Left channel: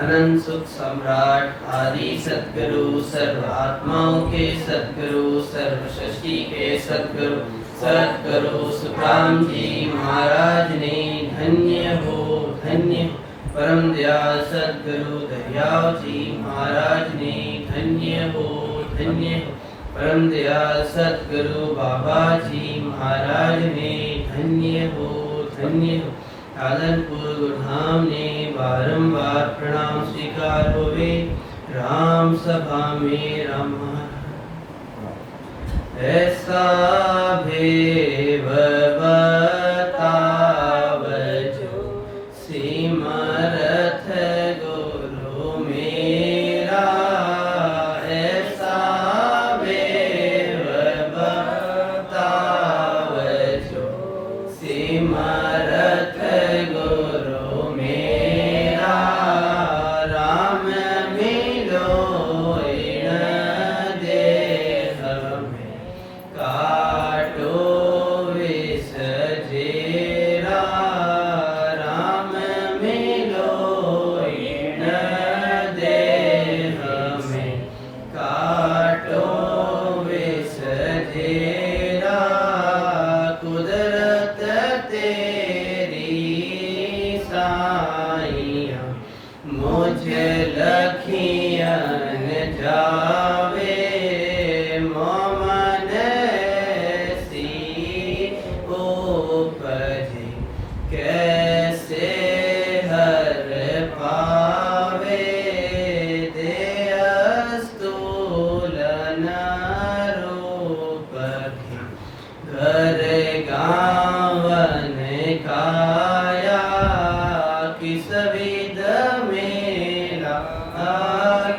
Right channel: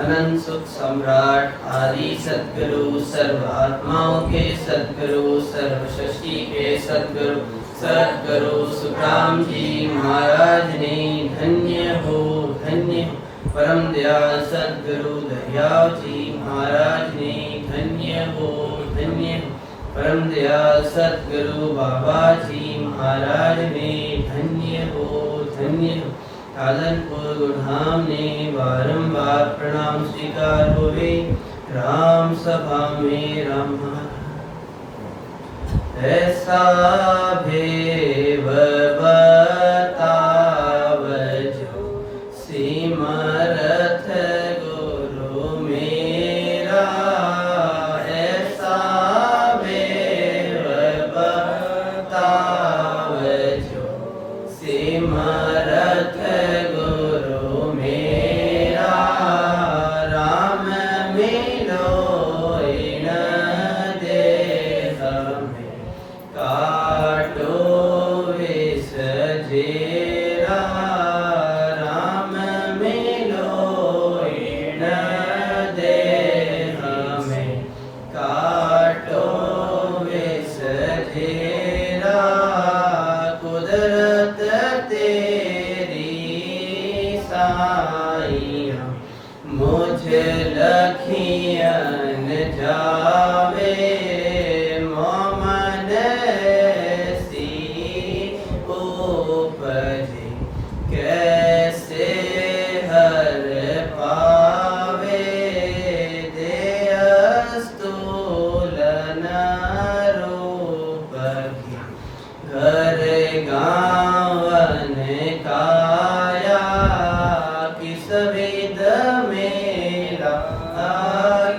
अनंत सुख सम्राट आदि सद्गुरु सर्व आत्माओं के सद्गुरु सर्व सृष्टि के सद्गुरु सुखराम जी महाराज ने धन्य हो परम दयाल सद्गुरु दरियाव जी महाराज ने धन्य हो परम दयाल सद्गुरु बाबा जी महाराज ने धन्य हो कालनपुर गुरुधाम ने बारंबार प्रणाम स्वीकार होवे राम सभा में राम ऐसा भेव बताव जो सिमरथ गुरु मेरा ऐसा भेव बताव जो सिमरथ गुरु मेरा राम मिलो इन देह में काटो विष जेरा राम मिलो इन देह में काटो विष जेरा कुदरत तेरी साइया मुझे लखियन जावे मोमन सी उपजे कैसे हर पावे दे स्तूलन रूप की घर गावन काया किस विध मेला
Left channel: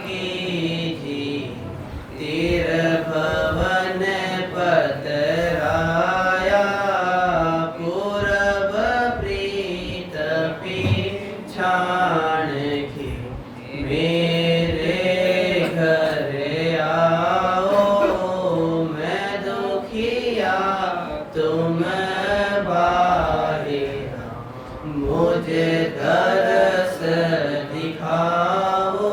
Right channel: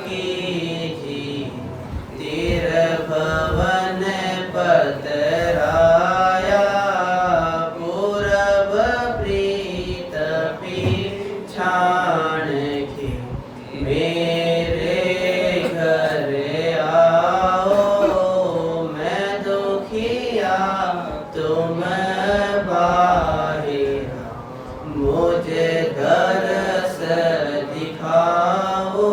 कीजी तीर भवन पतराया पूरब प्रीत पिछाण के मेरे घर आओ मैं दुखिया तुम बाहिरा मुझे दरस दिखाओ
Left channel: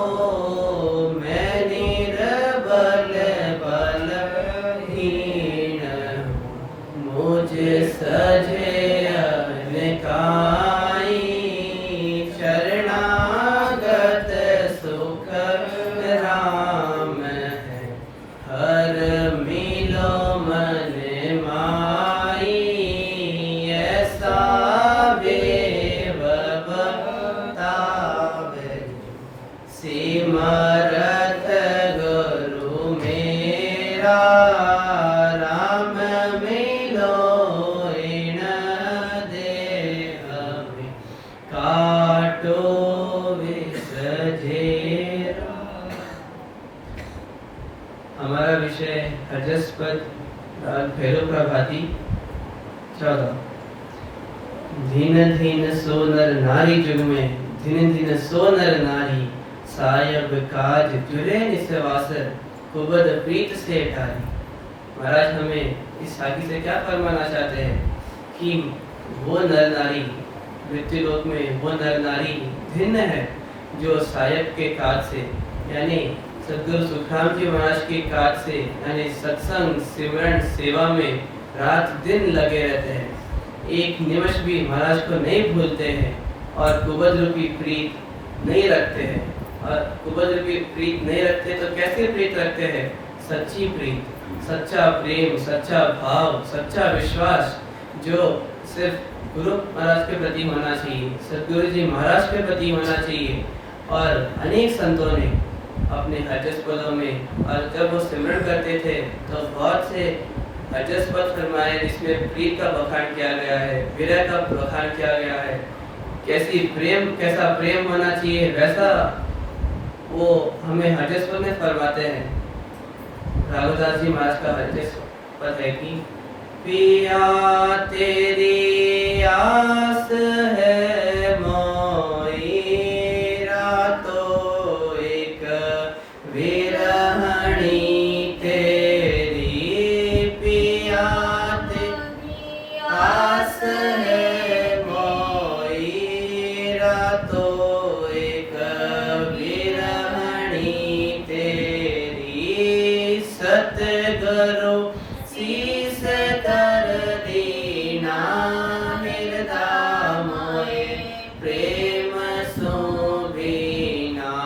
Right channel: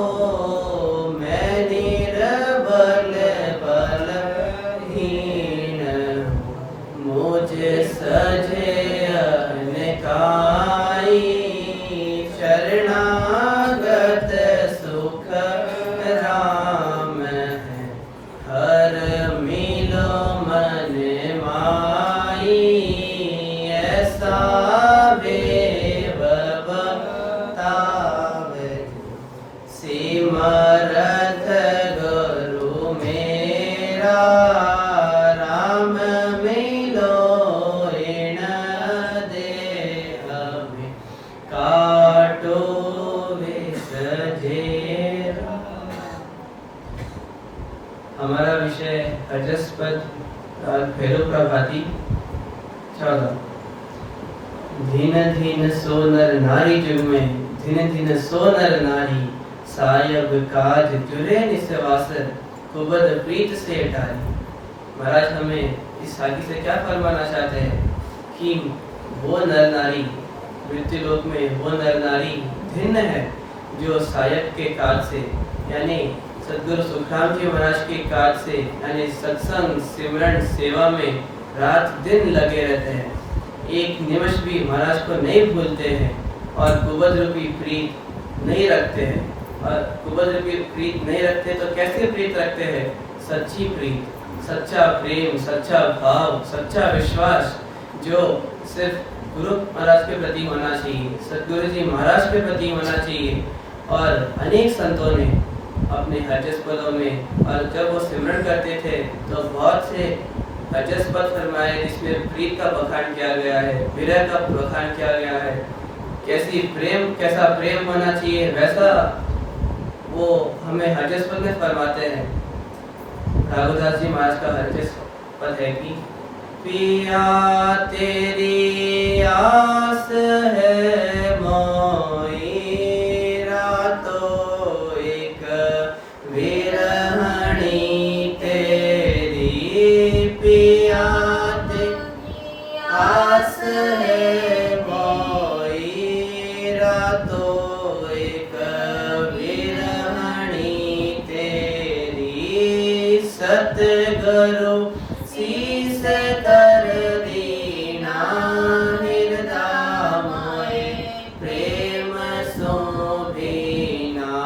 मैं निर्बल बलहीन मुझे सजे अनकाई शरणागत सुख राम है हर मिलो मन माई ऐसा बेव बतावे सिमरथ गुरु मेरा राम मिलो इन देह में काटो विष जेरा। हमारा विषय हजस्पद भैरव प्रभाती 14। धीन धीन सो नर नारी जुग में धीन धीन सो नर नारी सायब काज जुरे निसवास कुबद प्रीत से ठारी। महाराज हमें इस साखी से क्या फरमाना चाहते हैं कि वो नर नारी मृत्यु लोक में वो नर नारी भिन्न है जो सायब के काज से यानी सद्गुरु सुखराम जी महाराज के काज से यानी सत्संग सिमरन सेवा में रात दिन लगे रहते हैं एक निमिष भी महाराज को नहीं भूलते हैं और कुबद रूपी प्रीत नहीं रखते हैं और कुबद रूपी प्रीत नहीं रखते तो कैसे प्रीत रखते हैं सच्ची प्रीत सच्चा प्रेम सच्चा भाव सच्चा विश्वास जो सिर्फ गुरु महाराज के प्रति होना चाहिए सद्गुरु जी महाराज के प्रति होना चाहिए। और अनेक संतों ने अपने हजस्पदों में और जब वो सिमरन करते थे तो बहुत से हजस्पद फरमाए जिसमें प्रीत का बखान किया गया है विरह का बखान किया गया है कैसा प्रेम होना चाहिए वैसा वो हमें हजस्पद में फरमाते हैं। राघुदास जी महाराज का हजस्पद है कि पिया तेरी आस है मोई रातों एक विरहणी तेरी पिया तेरी आस है मोई रातों एक सुभीना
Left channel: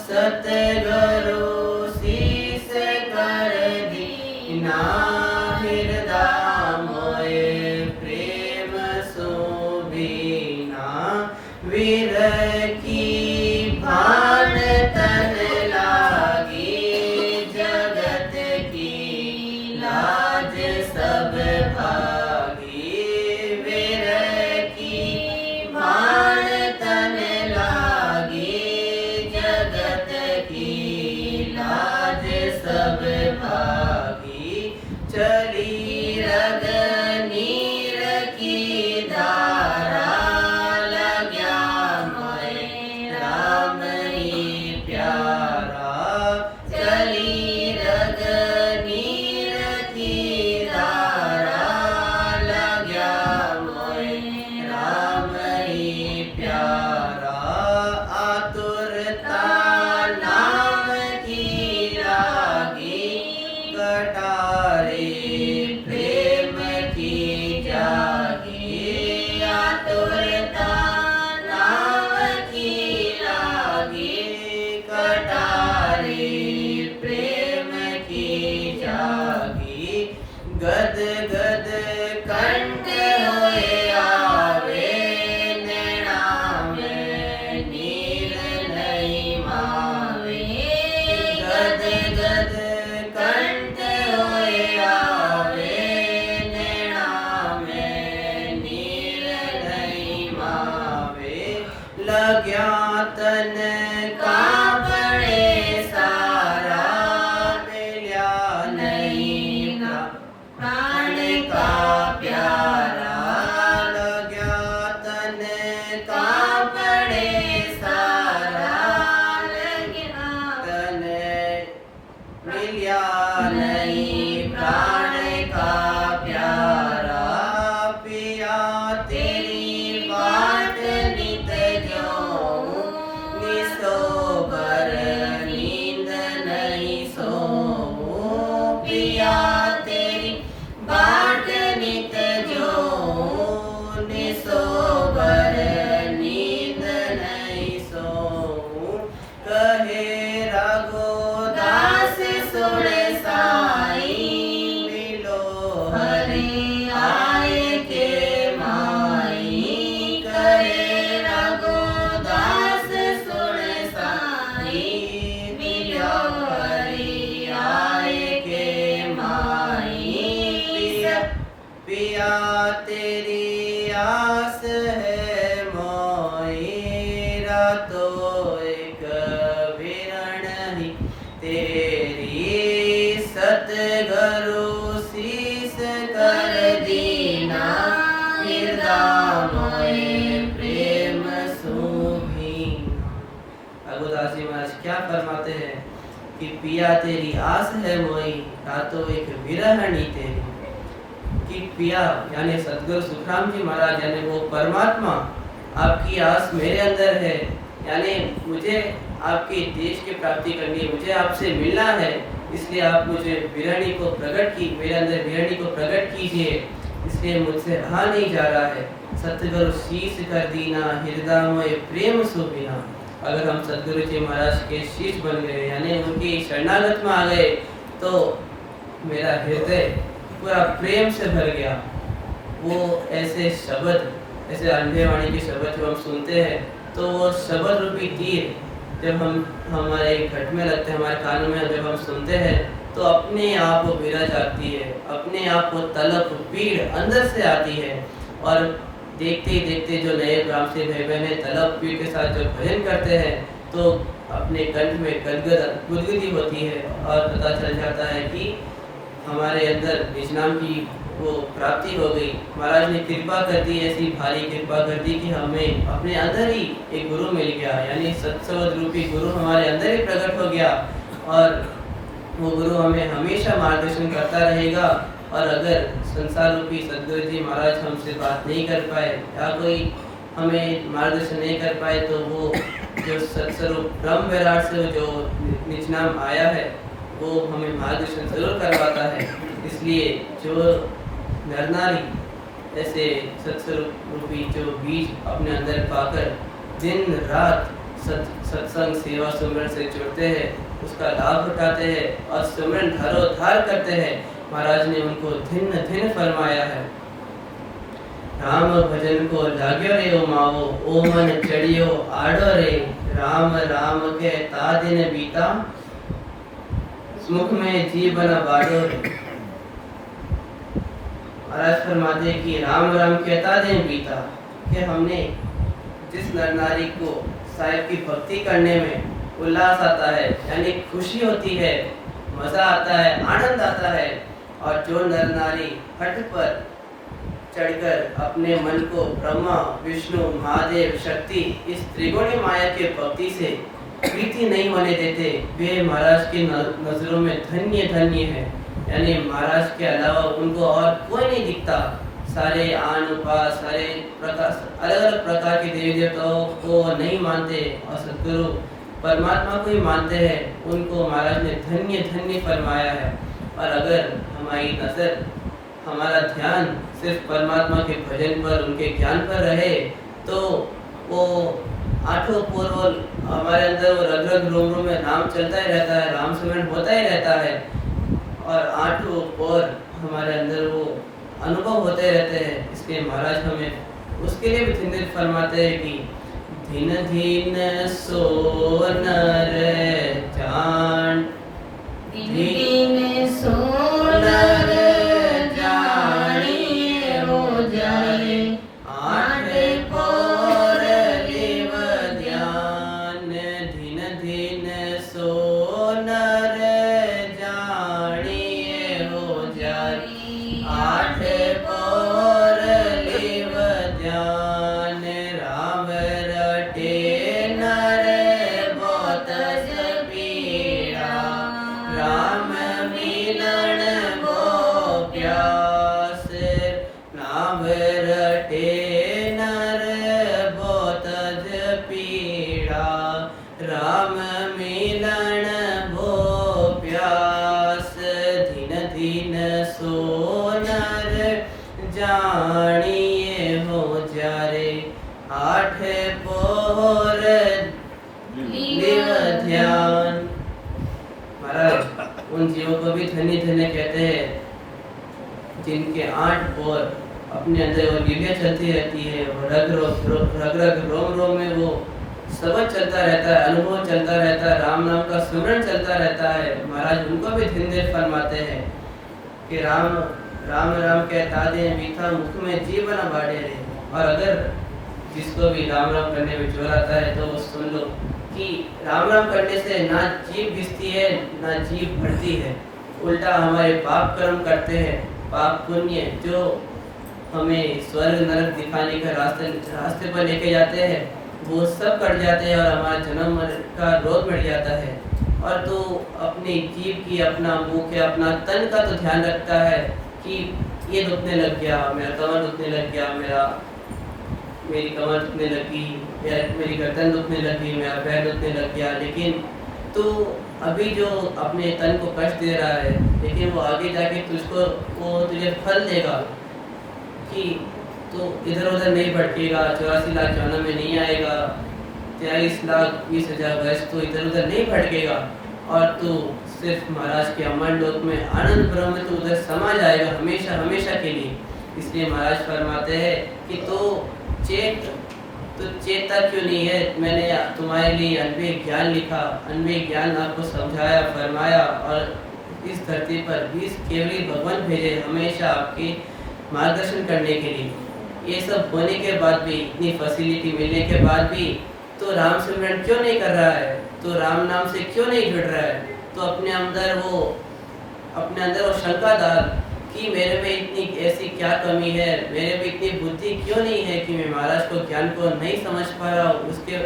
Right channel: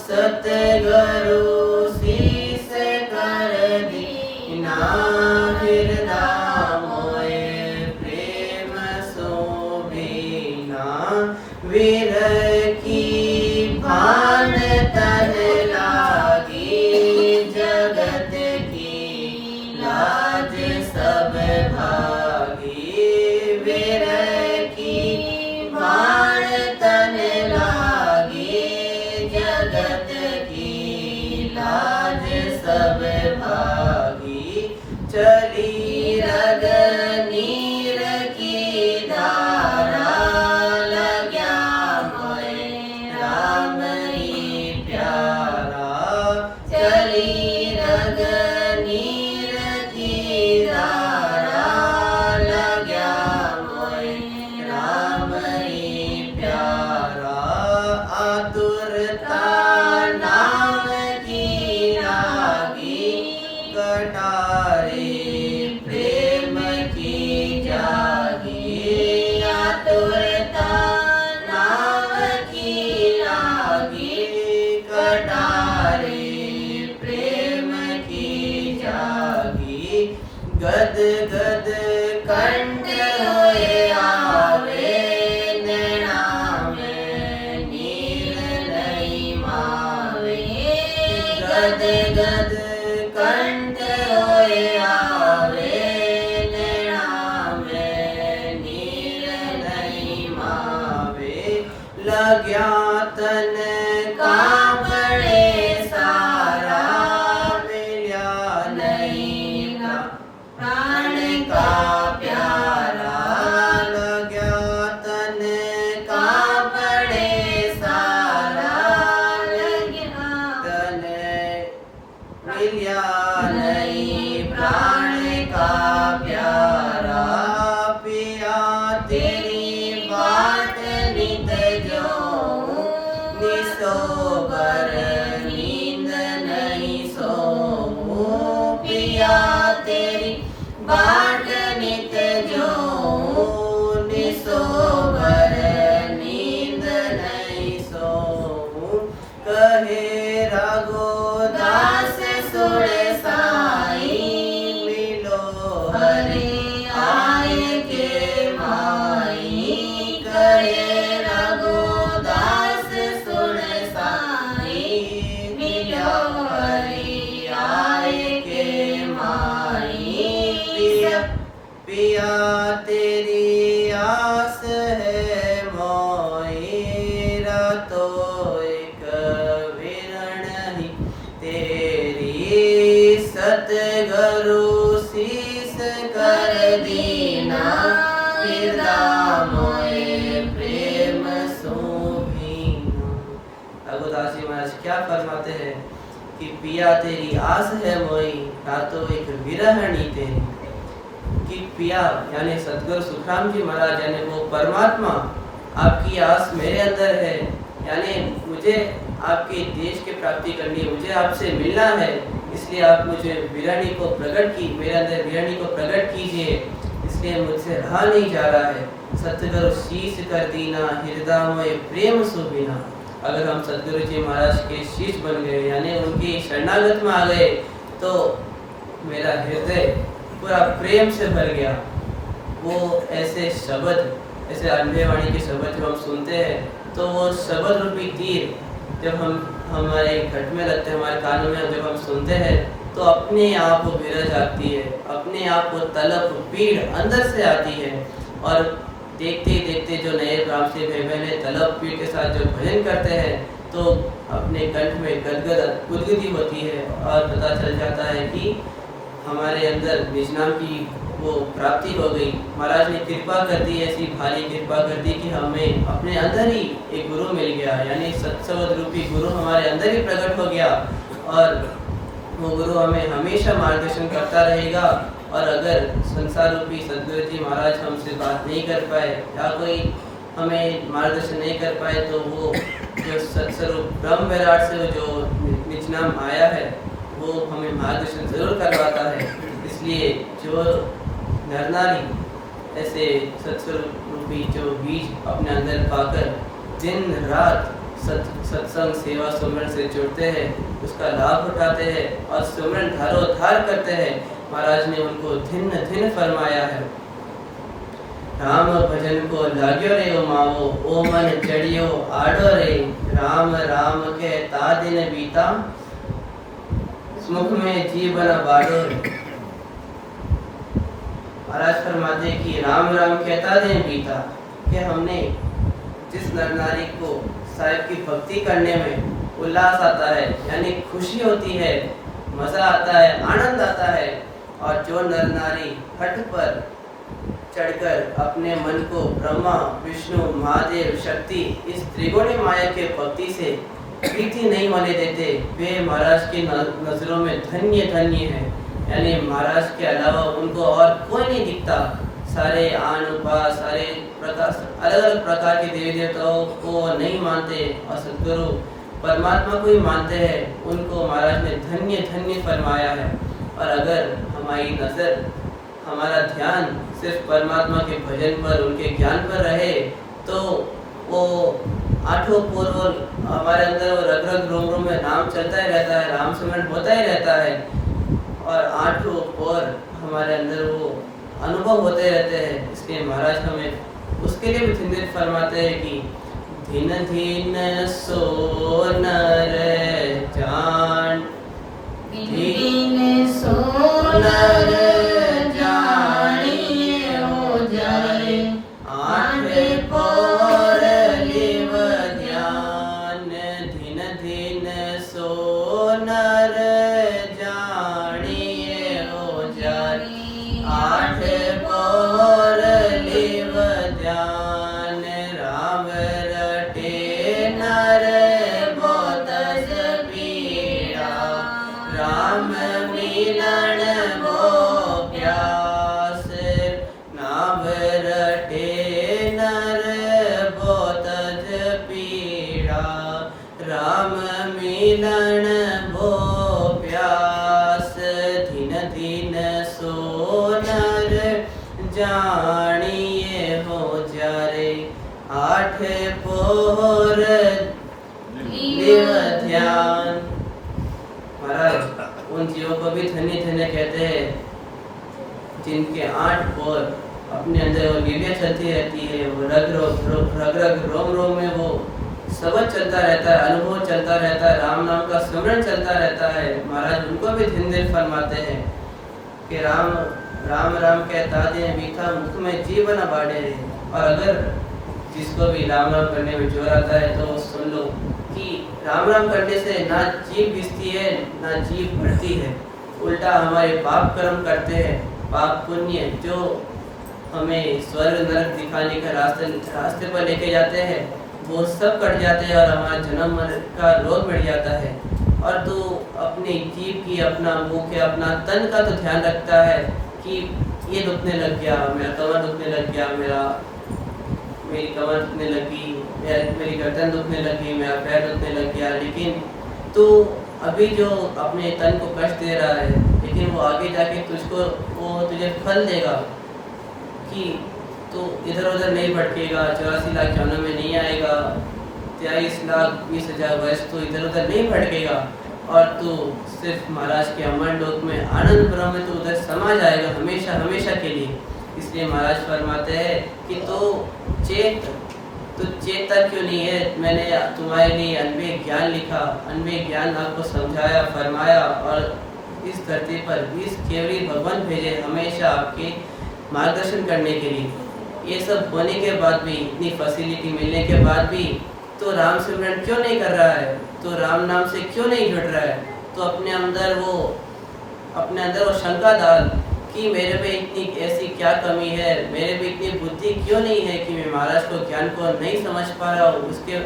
सतगुरु शीस कर दीना हृदय मोए प्रेम सुभीना विरह की भान तन लागी जगत की लाज सब भागी विरह की भान तन लागी जगत की लाज सब भागी चली रग नीर की धारा लग्या मोए राम ही प्यारा चली रग नीर की धारा लग्या मोए राम ही प्यारा आतुरता नाम की रागी कटारे प्रेम की जागी आतुरता नाम की रागी कटारे प्रेम की जागी गद गद कंठ होए आवे नैना में नीर नहीं मावे गद गद कंठ होए आवे नैना में नीर नहीं मावे लग्या तन कांपड़े सारा मिल्या नहीं प्राण का प्यारा लग्या तन कांपड़े सारा तन मिल्या नहीं प्राण का प्यारा पिया तेरी बाट नित जो निसोबर नींद नहीं सोऊं पिया तेरी बाट नित जो निसोबर नींद नहीं सोऊं कहे रघुदास सुरे साई मिलो हरि आए के माई करे रघुदास सुरे साई मिलो हरि आए के माई पिया पिया तेरी आस है मोईरा तो एक विरण ही तेरी सतगुरु शीस कर दीना हृदय मोए प्रेम सुभीना। रघुदास जी महाराज क्या फरमाते हैं कि पिया तेरी आस है मोई रातों एक विरहणी तेरी कि पिया यानी सदगुरु सुखराम जी महाराज यानी वो परमात्मा आपकी आस मेरे अंदर है यानी मुझे आपके देश की प्राप्ति करनी है मुझे आपसे मिलना है इसलिए आप मुझे विरहणी को प्रकट की मेरे अंदर विरहणी को प्रकट कीजिए इसलिए मुझसे रहा नहीं जा रहा है सतगुरु शीश कर दीना हृदय में प्रेम सुबिना। अगर हम सतगुरु जी महाराज के शीश बन गए यानी उनकी शरणागत में आ गए तो मेरा हृदय पूरा प्रेम से भर गया। वो ऐसे शब्द ऐसे अंधे वाणी के शब्द जब हम सुनते हैं तो वो शब्द रूपी तीर जब हम हमारे घट में लगते हैं हमारे कानों में जब हम सुनते हैं तो अपने आप वो विरह जाती है अपने आप वो तलब पीड़ अंदर से आती है और देखते ही देखते जो नए ब्राह्मण भाई बहन तलब पीड़ के साथ जो भजन करते हैं तो अपने कंठ में गुदगुदी होती है और पता चल जाता है कि हमारे अंदर निज नाम की वो प्राप्ति हो गई। महाराज ने कृपा कर दी ऐसी भारी कृपा कर दी कि हमें अपने अंदर ही एक गुरु मिल गया यानी सत्संग रूपी गुरु हमारे अंदर ही प्रकट हो गया और वो गुरु हमें हमेशा मार्गदर्शन करता रहेगा। और अगर संसार रूपी सदगुरु जी महाराज हमसे बात नहीं कर पाए या कोई हमें मार्गदर्शन नहीं कर पाए तो वो जो सत्स्वरूप ब्रह्म विराट से जो निज नाम आया है वो हमें मार्गदर्शन जरूर करवाता है। इसलिए जो नर नारी ऐसे सत्स्वरूप रूपी जो बीज अपने अंदर पाकर दिन रात सत्संग सेवा सुमरन से जुड़ते हैं, उसका लाभ उठाते हैं और सुमरन धारोधार करते हैं। महाराज ने उनको धिन्न धिन्न फरमाया है। राम भजन को लाग्यो रे ओ माओ, ओ मन चढ़ियो आड़ो रे। राम राम के ता दिन बीता, मुख में जीवन बाड़ो रे। महाराज फरमाते कि राम राम कहता दिन बीता, कि हमने जिस नर नारी को साहिब की भक्ति करने में उल्लास आता है, यानी खुशी होती है, मजा आता है, आनंद आता है, और जो नर नारी हट पर चढ़कर अपने मन को ब्रह्मा विष्णु महादेव शक्ति इस त्रिगुणी माया के भक्ति से प्रीति नहीं होने देते, वे महाराज की नजरों में धन्य धन्य है। यानी महाराज के अलावा उनको और कोई नहीं दिखता। सारे आन उपास, सारे प्रकार, अलग अलग प्रकार के देवी देवताओं को नहीं मानते और सद्गुरु परमात्मा को ही मानते हैं। उनको महाराज ने धन्य धन्य फरमाया है। और अगर हमारी नजर, हमारा ध्यान सिर्फ परमात्मा के भजन पर, उनके ज्ञान पर रहे, तो वो आठों पूर्व हमारे अंदर वो रग रग रोम रोम में नाम चलता ही रहता है, राम सिमरन होता ही रहता है, और आठों और हमारे अंदर वो अनुभव होते रहते हैं। इसलिए महाराज हमें उसके लिए भी चिंतित फरमाते हैं कि धीन धीन सो नर जान, धीन सो नर जानिए हो जाए, आठ पौर लिव ध्यान। धीन धीन सो नर जानिए हो जाए, आठ पौर लिव ध्यान। राम रटे नर बहुत पीड़ा, राम मिलन वो प्यास। नाम रटे नर बहुत पीड़ा, राम मिलन वो प्यास। धीन धीन सो नर जानिए हो जारे, आठ पोर लिव ध्यान। महाराज उन जीवों को भी धन्य धन्य कहते हैं जिनके आठ पोर अपने अंदर वो लीलियां चलती रहती है, वो रग रग रोम रोम में वो सबक चलता रहता है, अनुभव चलता रहता है, राम नाम का स्मरण चलता रहता है। महाराज उनको भी धिन धिन फरमाते हैं कि राम राम राम कहता दे मीठा, मुख में जीवन बाढ़े रहे। और अगर जिसको भी राम राम करने में जोर आता है तो सुन लो कि राम राम करने से ना जीभ घिसती है, ना जीभ बढ़ती है, उल्टा हमारे पाप कर्म करते हैं, पाप पुण्य जो हमें स्वर्ग नरक दिखाने का रास्ते पर लेके जाते हैं, वो सब कट जाते हैं और हमारा जन्म मरण का रोग मिट जाता है। और तो अपनी जीभ की, अपना मुंह के, अपना तन का तो ध्यान रखता है कि ये दुखने लग गया, मेरा कमर दुखने लग गया, मेरी कमर दुखने लगी, मेरी गर्दन दुखने लगी, मेरा पैर दुखने लग गया। लेकिन तो अभी जो अपने तन को कष्ट दे रहा है, लेकिन वो आगे जाके वो तुझे फल देगा कि तो इधर उधर नहीं भटकेगा, 84 लाख जन्म में नहीं आएगा, 23,20,000 वर्ष तो इधर उधर नहीं भटकेगा, और तू सिर्फ महाराज के अमर लोक में आनंद ब्रह्म में तो उधर समा जाएगा हमेशा हमेशा के लिए। इसलिए महाराज फरमाते हैं कि तो चेता क्यों नहीं है? मैंने तुम्हारे लिए अनवेद ज्ञान लिखा, अनवेद ज्ञान आपको समझाया, फरमाया, और इस धरती पर 20 केवली भगवान भेजे हमेशा आपके मार्गदर्शन करने के लिए। ये सब होने के बाद भी, इतनी फैसिलिटी मिलने के बाद भी तो राम सिमरन क्यों नहीं कर रहा है? तो राम नाम से क्यों नहीं जुड़ रहा है? तो अपने अंदर वो शंका डाल कि मेरे में इतनी ऐसी क्या कमी है, मेरे में इतनी बुद्धि क्यों नहीं है कि मैं महाराज को ज्ञान को नहीं समझ पा रहा हूँ, उसके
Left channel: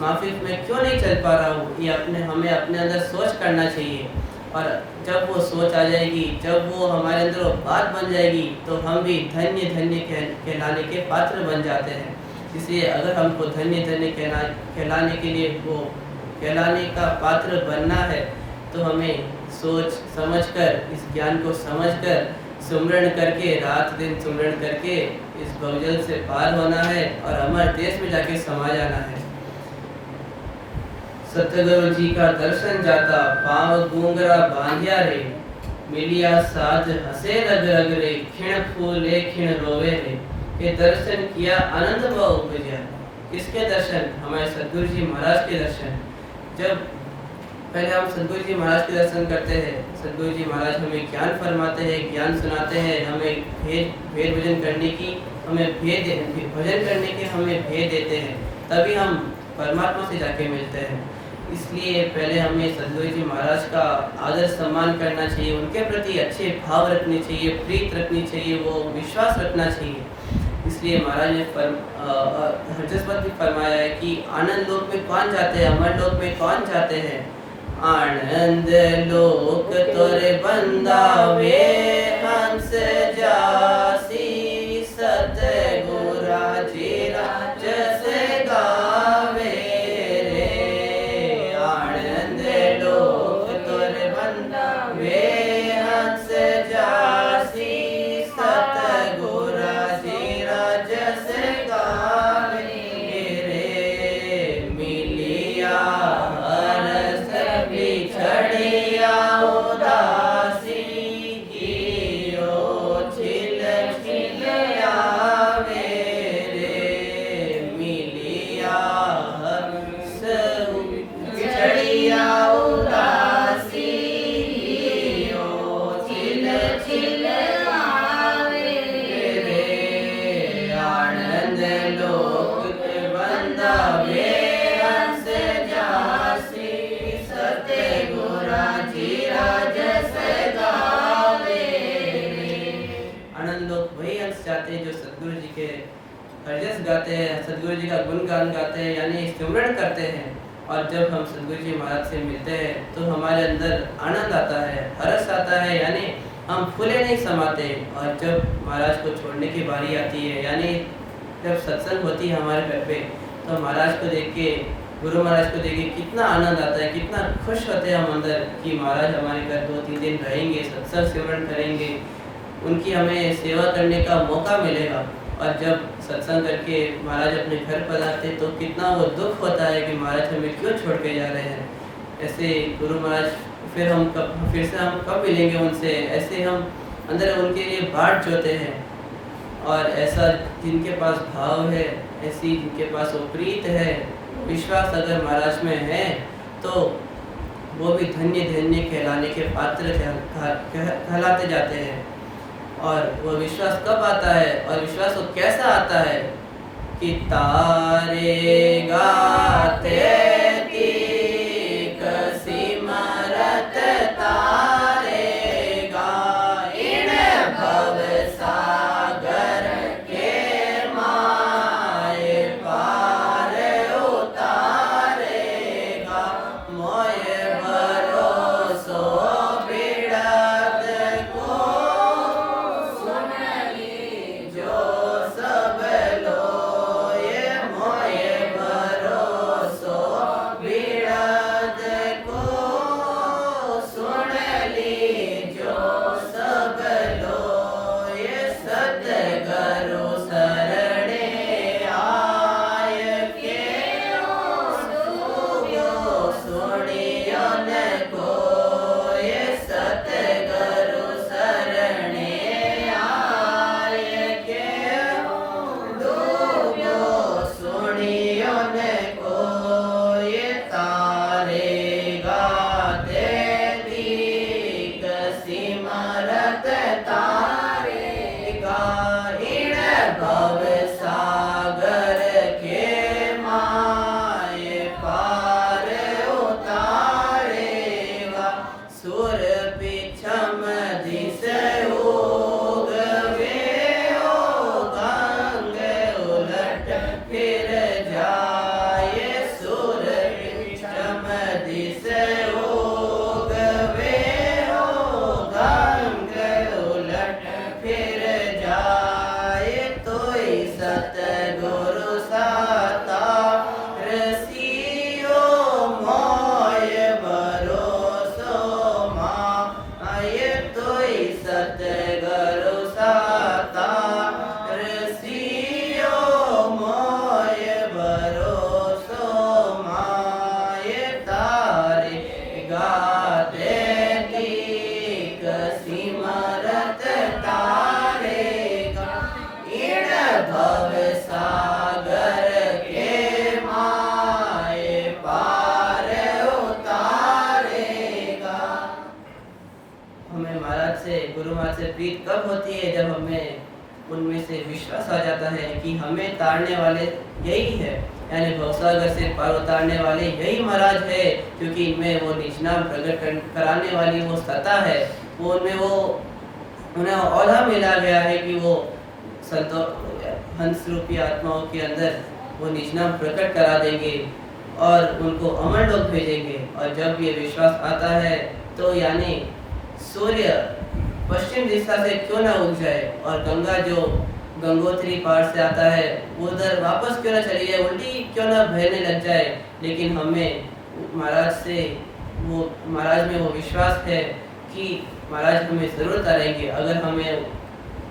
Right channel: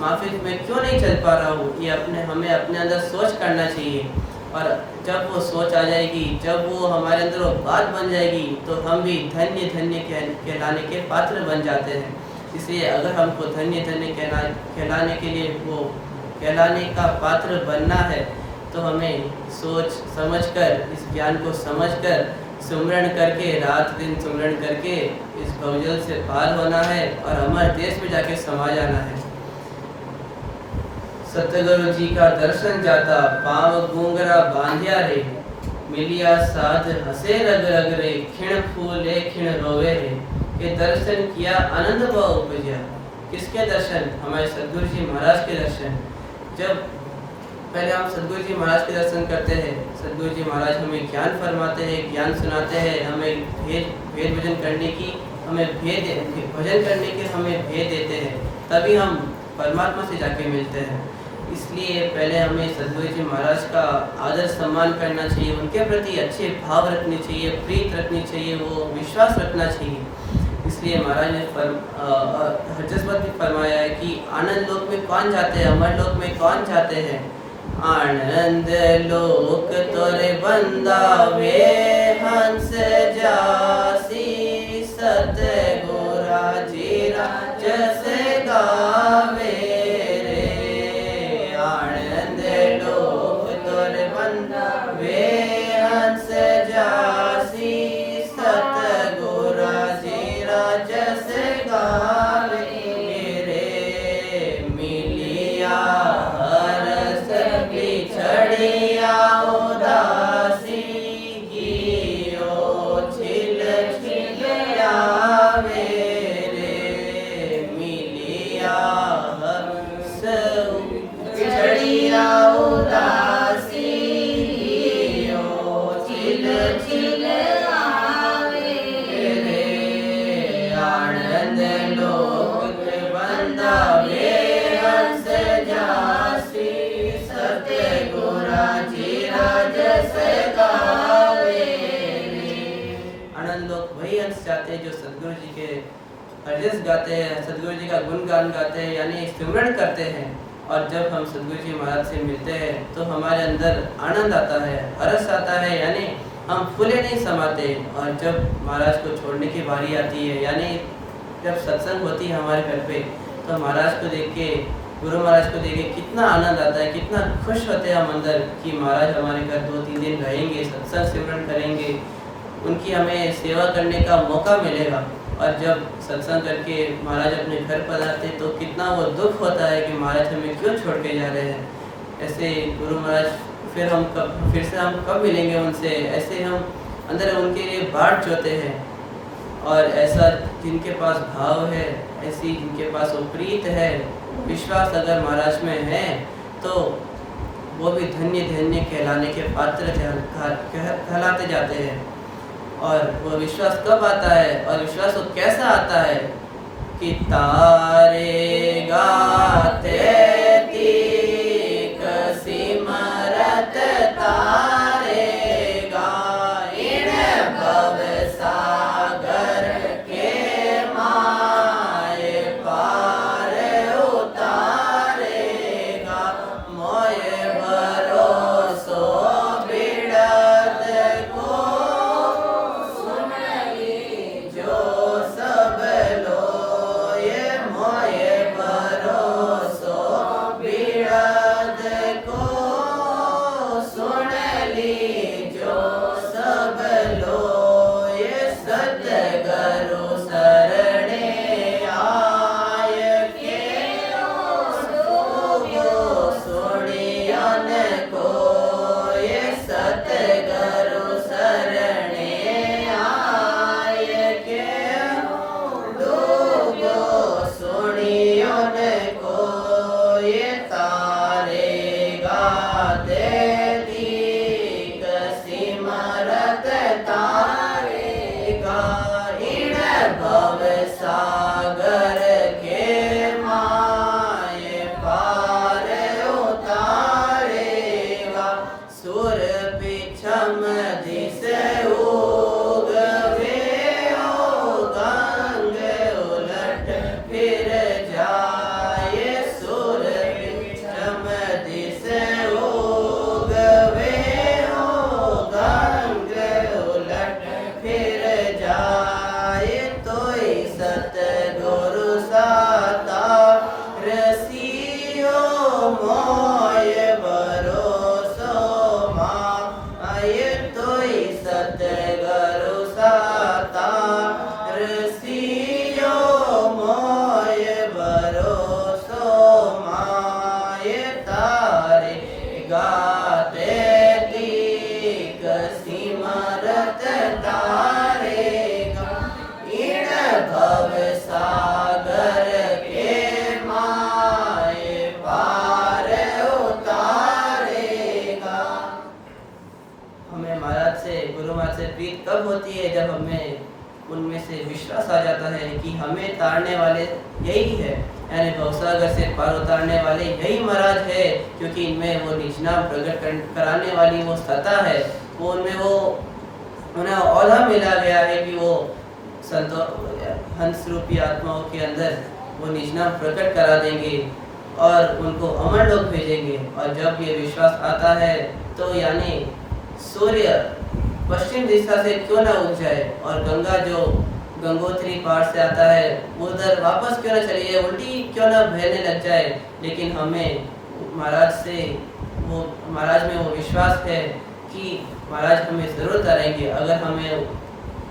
माफिक में क्यों नहीं चल पा रहा हूँ। ये हमें अपने अंदर सोच करना चाहिए, और जब वो सोच आ जाएगी, जब वो हमारे अंदर वो बात बन जाएगी, तो हम भी धन्य धन्य कहलाने के पात्र बन जाते हैं। इसलिए अगर हमको धन्य धन्य कहलाने के लिए, वो कहलाने का पात्र बनना है, तो हमें सोच समझकर, इस ज्ञान को समझकर सुमरण करके, रात दिन सुमरण करके इस भवजल से पार होना है और हमारे देश में जाके समा जाना है। सतगुरु जी का दर्शन जाता, पाव गूंगरा बांधिया रे, मिलिया साध हसे रग रग रे, खिण फूले खिण रोवे रे। के दर्शन किया आनंद भाव उपजा। किसके दर्शन? हमारे सदगुरु जी महाराज के दर्शन। जब पहले हम सदगुरु जी महाराज के दर्शन करते हैं, सदगुरु जी महाराज हमें ज्ञान फरमाते हैं, ज्ञान सुनाते हैं, हमें भेद भजन करने की, हमें भजन करने के हमें भेद देते हैं, तभी हम परमात्मा से जाके मिलते हैं। इसलिए पहले हमें सदगुरु जी महाराज का आदर सम्मान करना चाहिए, उनके प्रति अच्छे भाव रखने चाहिए, प्रीत रखनी चाहिए, वो विश्वास रखना चाहिए। इसलिए महाराज ने हरजसपत भी फरमाया है कि आनंद लोक में कौन जाते हैं, अमर लोक में कौन जाते हैं। आनंद लोक तोरे बंदावे, हंस जासी सतगुरा जी राजस गावे रे। आनंद लोक तोरे बंदावे, हंस जासी सतगुरा जी राजस गावे रे। मिलिया बिछड़िया उदासी, कियो छिल छिल आवे रे। मिलिया हंस बिछड़िया उदासी, कियो छिल छिल आवे रे। आनंद लोक बंदावे, हंस जासी सतगुरा जी राजस गावे रे। आनंद लोक वही हंस जाते हैं जो सदगुरु जी के हरजस गाते हैं, सदगुरु जी का गुणगान गाते हैं, यानी स्मरण करते हैं। और जब हम सदगुरु जी महाराज से मिलते हैं तो हमारे अंदर आनंद आता है, हर्ष आता है, यानी हम फूले नहीं समाते। और जब महाराज को छोड़ने की बारी आती है, यानी जब सत्संग होती है हमारे घर पे, तो महाराज को देख के, गुरु महाराज को देख के कितना आनंद आता है, कितना खुश होते हैं हम अंदर कि महाराज हमारे घर 2-3 दिन रहेंगे, सत्संग सिमरन करेंगे, उनकी हमें सेवा करने का मौका मिलेगा। और जब सत्संग करके महाराज अपने घर पर आते तो कितना वो दुख होता है कि महाराज हमें क्यों छोड़ के जा रहे हैं। ऐसे गुरु महाराज फिर से हम कब मिलेंगे उनसे, ऐसे हम अंदर उनके लिए बाट जोते हैं। और ऐसा जिनके पास भाव है, ऐसी जिनके पास वो प्रीत है, विश्वास अगर महाराज में है, तो वो भी धन्य धन्य कहलाने के पात्र कहलाते जाते हैं। और वो विश्वास कब आता है, और विश्वास वो कैसा आता है कि तारे गाते तीक सिमरत तारे गाइन भव सागर के माए पार उतारेगा। मोय भरोसो बिड़त को सागर के माए पार उतारेगा। सुर पिछम दिस उगवे ओ गंग उलट फिर जाए। सुर पिछम दिस उगवे ओ गंग उलट फिर जाए। तोई सतगुरु साता रसियो मोय भरोसो माय। तोई सतगुरु साता रसियो मोय भरोसो माय। गुरु महाराज से प्रीत कब होती है? जब हमें उनमें से विश्वास आ जाता है कि हमें तारने वाले यही है, यानी भवसागर से पार उतारने वाले यही महाराज है, क्योंकि इनमें वो निज नाम प्रकट कराने वाली वो सत्ता है, वो उनमें वो उन्हें औधा मिला गया है कि वो संतो हंस रूपी आत्माओं के अंदर वो निज नाम प्रकट करा देंगे और उनको अमर लोक भेजेंगे। और जब ये विश्वास आता है तो यानी सूर्य पश्चिम दिशा से क्यों ना उग जाए और गंगा जो गंगोत्री पहाड़ से आता है उधर वापस क्यों ना चली जाए, उल्टी क्यों ना बहने लग जाए, लेकिन हमें महाराज में वो विश्वास है कि महाराज हमें ज़रूर तारेंगे। अगर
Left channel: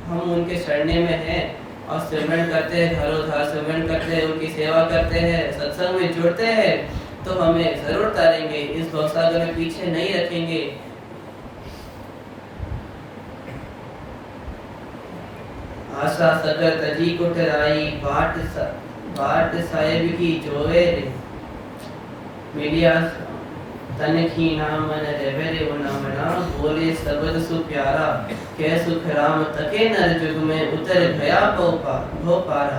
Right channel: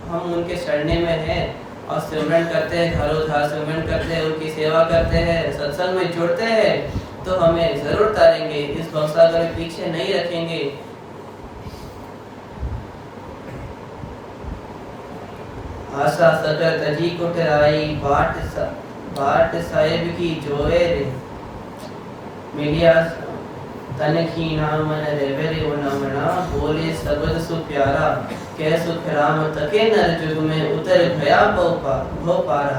हम उनके शरणे में हैं और सिमरन करते हैं, घरों सिमरन करते हैं, उनकी सेवा करते हैं, सत्संग में जुड़ते हैं, तो हमें ज़रूर तारेंगे, इस भवसागर में पीछे नहीं रखेंगे। आशा सगर तजी कुटराई बाट साहेब की जोए रे मेलिया तन की नाम रेवरे वो नमना बोले शब्द सु प्यारा कै सुख राम तके नर जुग में उतर भया भव पारा।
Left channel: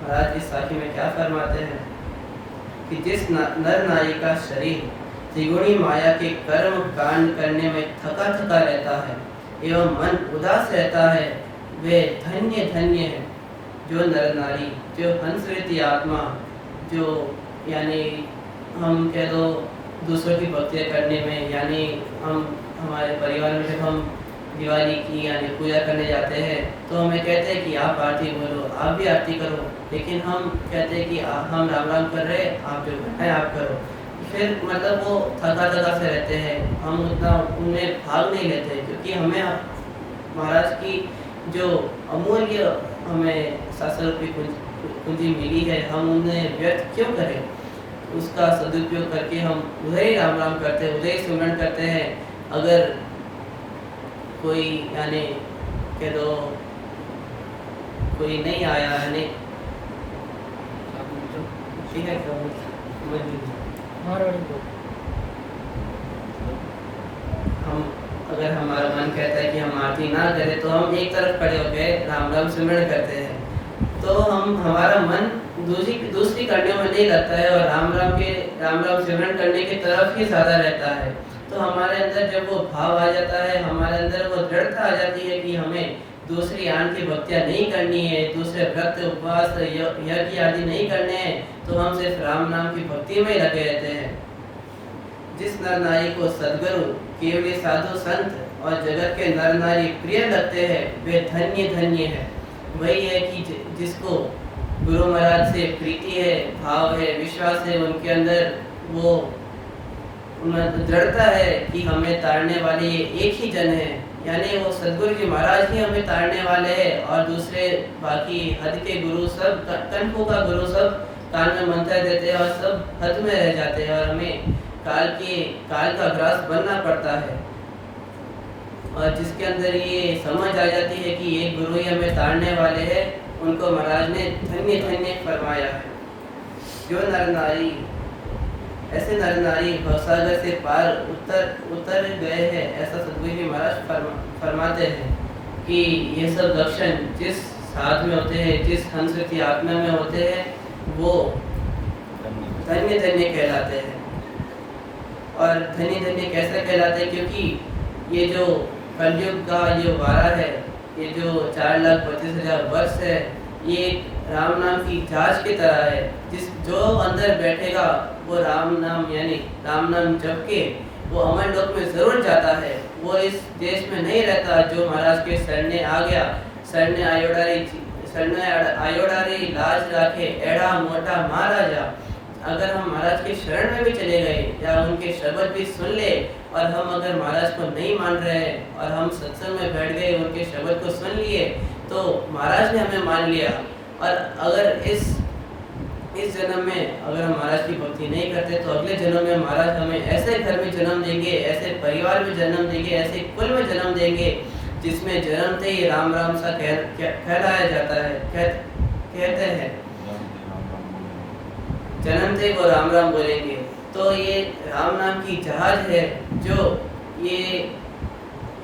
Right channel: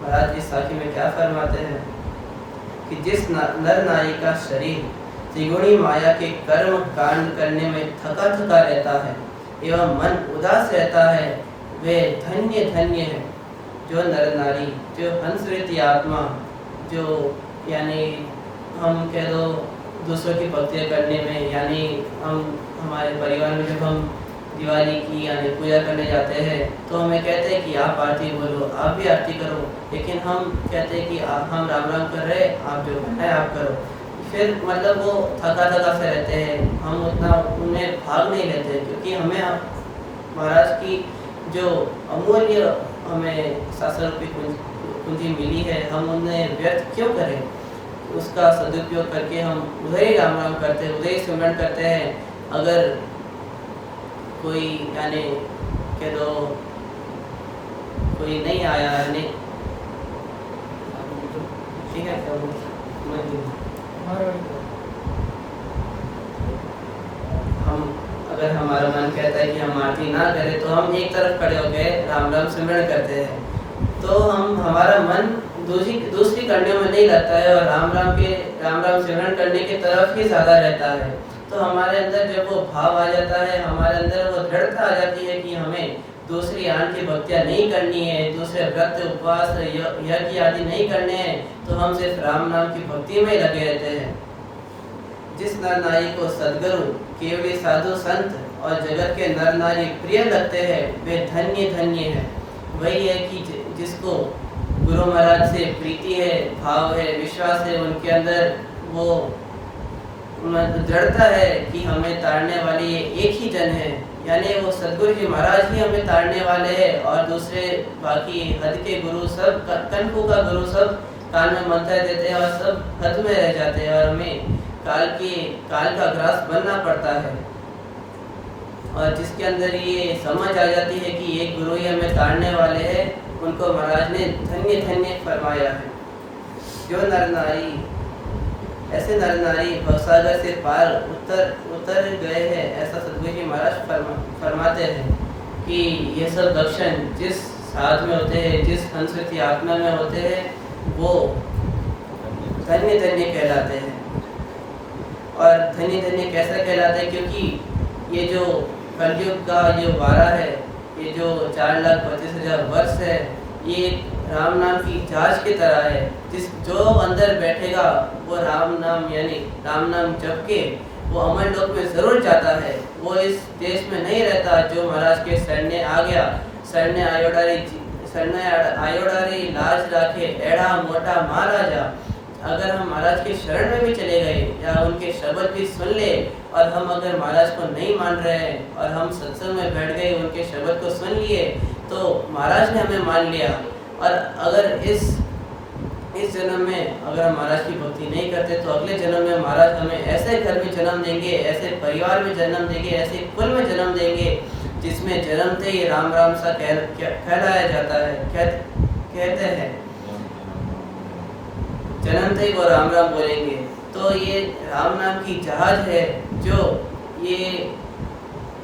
महाराज इस साखी में क्या फरमाते हैं कि जिस नर नारी का शरीर त्रिगुणी माया के कर्म कांड करने में थका थका रहता है एवं मन उदास रहता है, वे धन्य धन्य है। जो नर नारी, जो हंसवृत्ति आत्मा, जो यानी हम कह दो दूसरों की भक्ति करने में, यानी हम हमारे परिवार में जब हम दिवाली की यानी पूजा करने जाते हैं तो हमें कहते हैं कि आप आरती बोलो, आप भी आरती करो, लेकिन हम कहते हैं कि हम राम राम कर रहे हैं, आप जो है आप करो। फिर मतलब वो थका थका से रहते हैं, हम उतना उनमें भाग नहीं लेते, क्योंकि हमें महाराज की जो अमूल्य हमें शास्त्र रूपी कुंजी मिली है, हम उन्हें व्यर्थ क्यों करें? उसका सदुपयोग करके हम उधर ही राम राम करते हैं, उधर ही सिमरन करते हैं। अगर कोई यानी कह दो कोई नहीं आया है, नहीं ठीक है क्या हम अगर हमारा मन कहता है कि हम आरती ना करें तो हम एक तरफ खड़े होकर राम राम सिमरन करते हैं, तो हमारा मन दूसरी कड़ियों में नहीं लगता है और राम राम सिमरन करने की तरफ ही ज्यादा रहता है। तो हमारे अंदर जब वो भाव आ जाता है, हमारे अंदर वो दृढ़ता आ जाती है कि हमें दूसरी आन की भक्तियाँ नहीं करनी है, दूसरे व्रत उपवास यज्ञ आदि नहीं करने हैं, तो हम सिर्फ राम नाम की भक्ति में लगे रहते हैं। जिस नर नारी को सदगुरु केवली साधु संत और जगत के नर नारी प्रिय लगते हैं, वे धन्य धन्य है। वही है कि जिसको गुरु महाराज से प्रीति है, भाव है, विश्वास है, उनके अंदर वो दृढ़ता है कि हमें तारने वाले ये एक ही जन है, यानी वो सदगुरु जी महाराज ही हमें तारने वाले हैं, और दूसरे बाकी हद के गुरु सब कनकों का गुरु सब कान में मंत्र देते हैं और सब हद में रह जाते हैं और हमें काल का ग्रास बनना पड़ता है। और जिसके अंदर ये समझ आ जाती है कि एक गुरु ही हमें तारने वाले हैं, उनको महाराज ने धन्य धन्य फरमाया है। जो नर नारी ऐसे नर नारी भवसागर से पार उतर गए हैं, ऐसा सदगुरु जी महाराज फरमाते हैं कि ये सब लक्षण जिस साथ में होते हैं, जिस हंस की आत्मा में होते हैं, वो धन्य धन्य कहलाते हैं। और धन्य धन्य कैसे कहलाते हैं? क्योंकि ये जो कलयुग का जो वारा है, ये जो 4,25,000 वर्ष है, ये राम नाम की जहाज की तरह है। जो अंदर बैठेगा वो राम नाम यानी राम नाम जप के वो अमर लोक में जरूर जाता है। वो इस देश में नहीं रहता। जो महाराज के शरणे आ गया, शरणे आयोडारी लाज राखे एड़ा मोटा महाराजा। अगर हम महाराज के शरण में भी चले गए या उनके शब्द भी सुन ले, और हम अगर महाराज को नहीं मान रहे हैं और हम सत्संग में बैठ गए, उनके शब्द को सुन लिए, तो महाराज ने हमें मान लिया। और अगर इस जन्म में अगर हम महाराज की भक्ति नहीं करते, तो अगले जन्म में महाराज हमें ऐसे घर में जन्म देंगे, ऐसे परिवार में जन्म देंगे, ऐसे कुल में जन्म देंगे जिसमें जन्मते ही राम राम सा कहलाया जाता है। कहते हैं जन्मते ही वो राम राम बोलेंगे। तो ये राम नाम की जहाज है, जो ये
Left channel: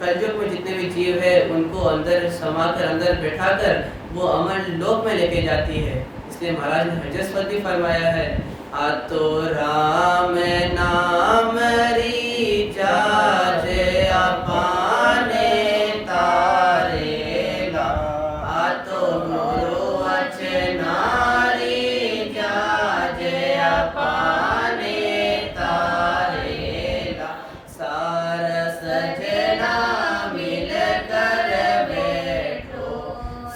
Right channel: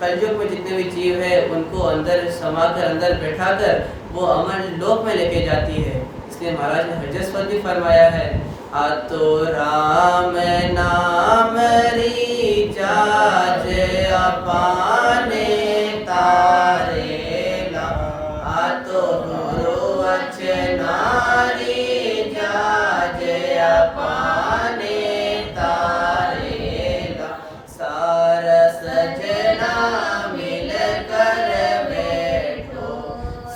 कलयुग में जितने भी जीव है उनको अंदर समाकर अंदर बैठाकर वो अमर लोक में लेके जाती है। इसलिए महाराज ने हरजस पद भी फरमाया है, आतो राम नाम री जाजे अपाने तारेला, आतो गुरु वचनारी जाजे अपाने तारेला, सार सजना मिल कर बैठो,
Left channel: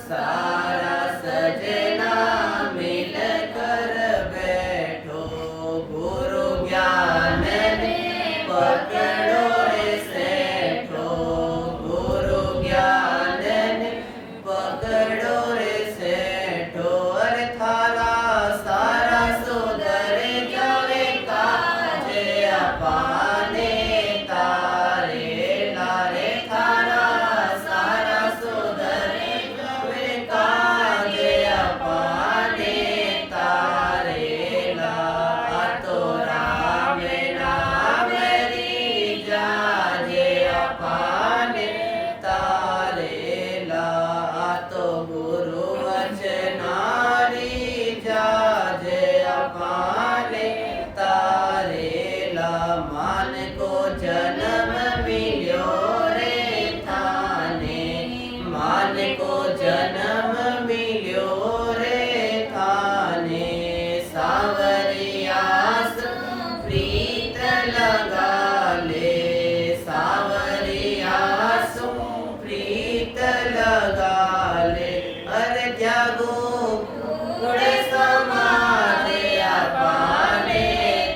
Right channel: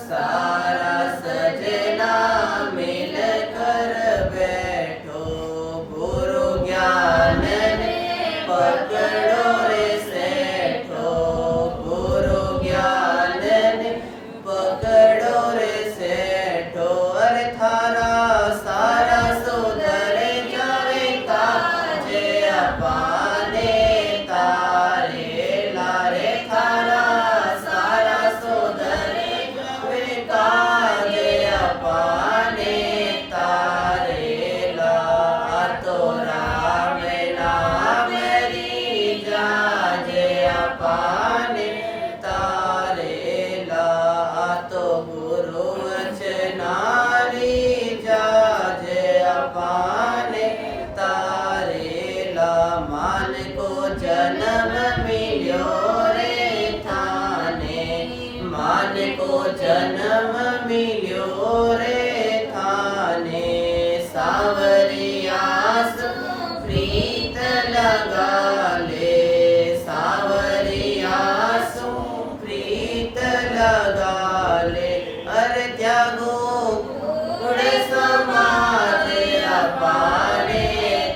सारा सजना मिल कर बैठो, गुरु ज्ञान ने पकड़ो रे सेठो, गुरु ज्ञान ने पकड़ो रे सेठो, अरे थारा सारा सुधर जावे काजे अपाने तारे लारे, थारा सारा सुधर जावे काजे अपाने तारे ला, आतो राम नाम री जाजे अपाने तारे ला, आतो गुरु वचनारी जाजे अपाने तारे ला, मान को जन्म मिलो रे थाने, मान को जन्म मिलो रे थाने, सावरियास प्रीत लगा ले, सावरियास प्रीत लगा ले, अरे त्यागो गुण समाज अपाने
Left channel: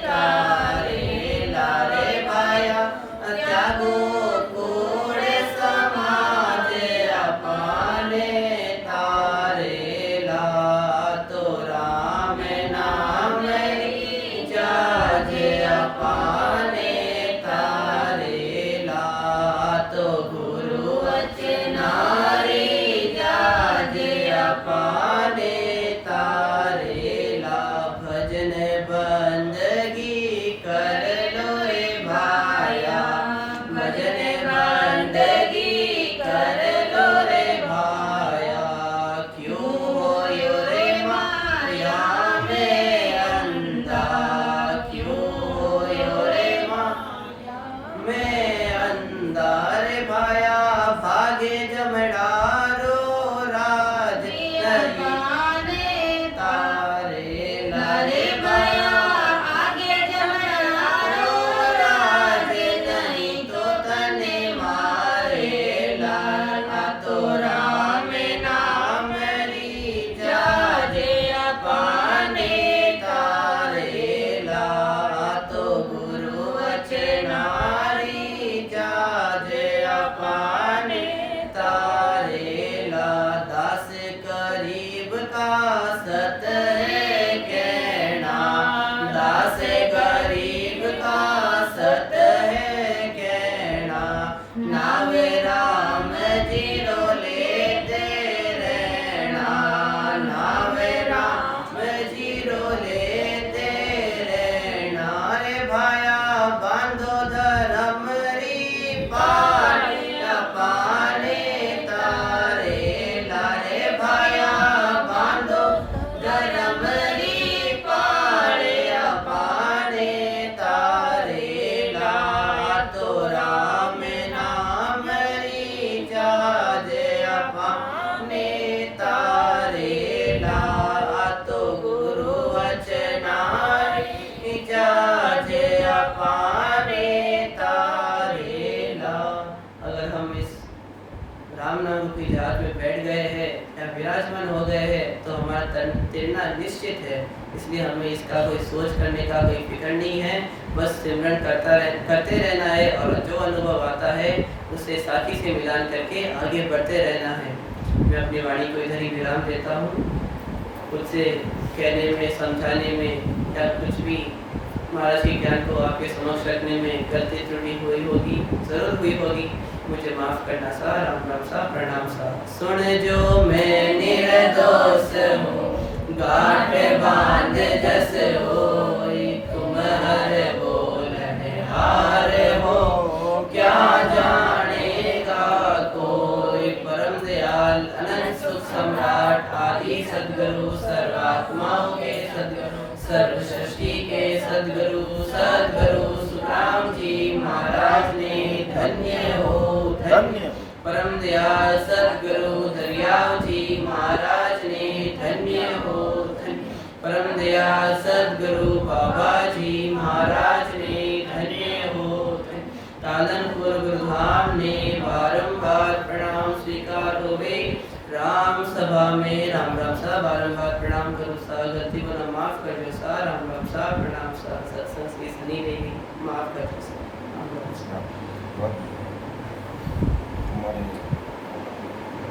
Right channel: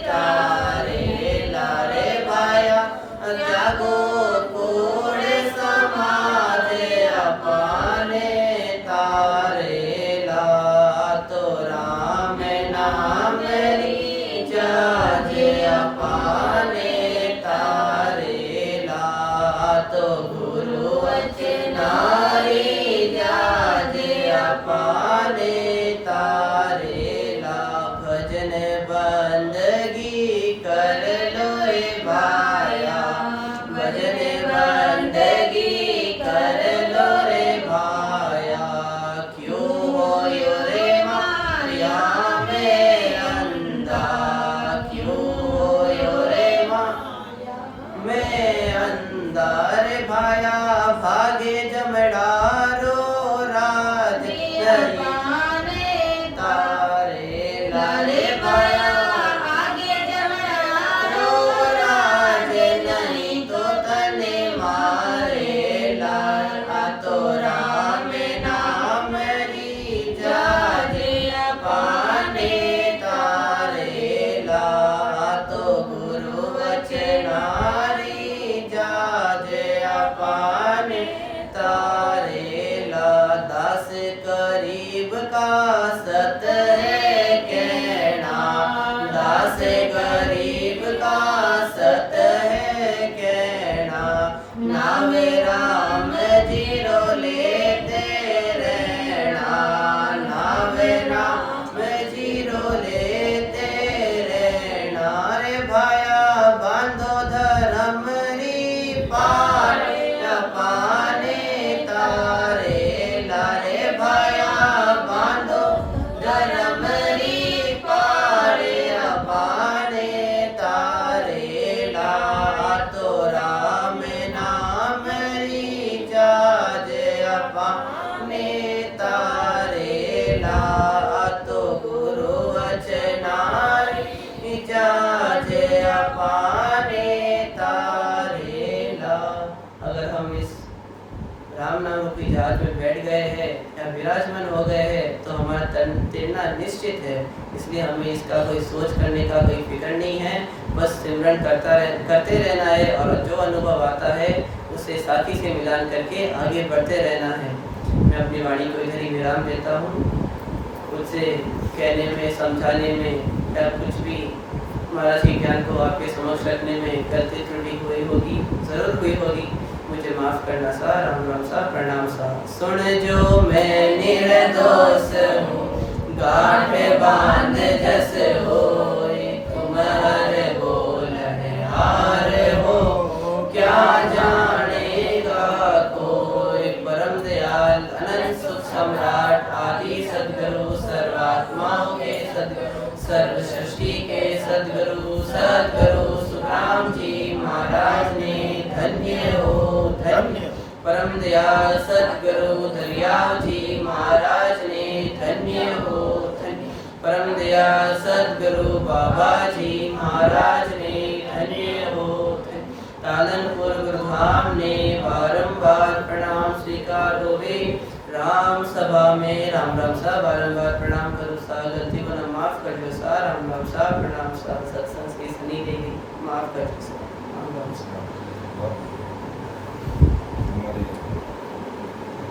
तारे लारे भाया, त्यागो गुण समाज अपाने तारे ला, तो राम नाम री जाजे अपाने तारे ला, तो गुरु वचनारी जाजे अपाने तारे ला, भजन बंदगी कर लो रे भाया, भजन बंदगी कर लो रे भाया, क्यों हो यो रे माया में अंधा, क्यों हो यो रे माया में अंधा, रे भाया भागे जमड़ारो राज नहीं तारे लारे, भाया भागे जमड़ारो राज नहीं तो तने मारे ला, तो राम नाम री जाजे अपाने तारे ला, तो गुरु वचनारी जाजे अपाने तारे ला, दास करीब का सत है कहना, दास गरीब का सत है कहना, नावे राम जीरो लेते रहना, नावे राम जीरो लेते रहना, रे भाया बांधो धर्म री पाने अपाने तारे लारे, भाया बांधो धर्म री पाने अपाने तारे ला, तो राम नाम री जाजे अपाने तारे ला, तो गुरु वचनारी जाजे अपाने तारे ला। अगर हम इस राम नाम रूपी जहाज में बैठ गए हैं या विराजमान हो गए हैं तो हमारा तैरना निश्चित है, इसलिए हमें इसका कोई सोच करने का कोई फिक्र नहीं है, बस सिमरन करते रहना है और जो अनुभव आता है उससे साथी से मिलान करके आगे बढ़ते रहना है। मैं अपनी वाणी को इधर ही विराम देता हूँ। खुद से कहने में, समझाने में या कुछ भी महाराज के ज्ञान को आपके समक्ष रखने में गलती त्रुटि हुई होगी, जरूर हुई होगी, मुझे माफ करना सा। राम राम सा, प्रणाम सा। सुन जो मैं निर्दोष हूँ, गांठ बांध जस होई, तुम हर बोलने हार हो, क्या जाने सदगुरु सदगुरु सुखराम जी महाराज ने धन्य हो धन्य। परम दयाल सदगुरु दरियाव जी महाराज ने धन्य हो धन्य। परम दयाल सदगुरु बाबा जी महाराज ने धन्य हो धन्य। तालनपुर गुरुधाम ने बारंबार प्रणाम स्वीकार हुए। राम सभा में राम राम सा बारंबार प्रणाम करो सा, गलती को ना माफ कर दो सा, राम राम सा प्रणाम सा, सत्संग से सुनी देवी माफ कर दो।